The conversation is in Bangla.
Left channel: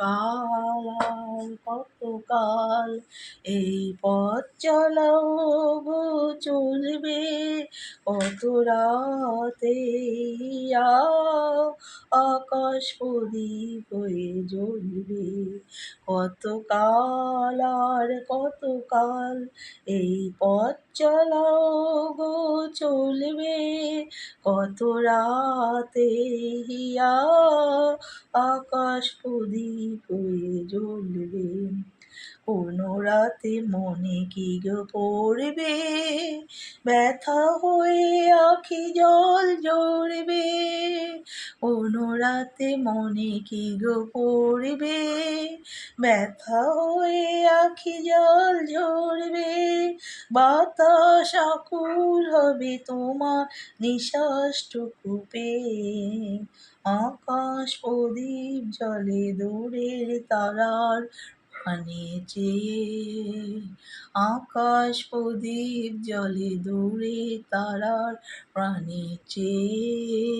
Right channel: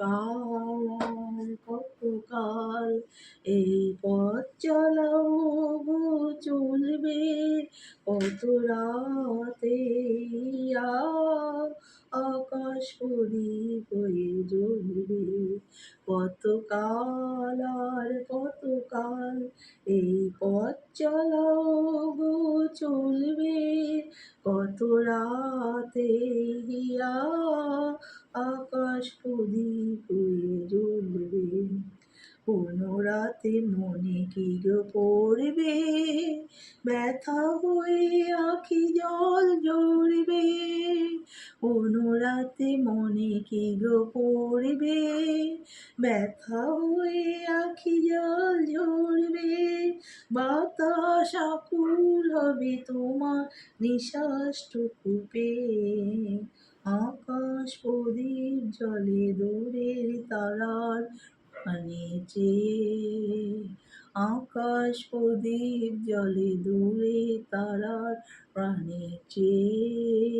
কাল আর কতকাল এই পথ চলাও গো চলবে কত রাতে আকাশ প্রদীপ হয়ে জ্বলবে কতকাল আর কতকাল এই পথ চলাও গো চলবে কত রাতে হিয়া আকাশ প্রদীপ হয়ে জ্বলবে কোনো রাতে মনে কি গো পড়বে ব্যথা হয়ে আখি জল ঝরবে কোনো রাতে মনে কি গো পড়বে ব্যথা হয়ে আখি জল ঝরবে বাতাস আকুল হবে তোমার নিঃশ্বাসটুকু পেয়ে আকাশ প্রদীপ জলে দূরের তারার পানে চেয়ে আকাশ প্রদীপ জলে দূরে তারার প্রাণে চেয়ে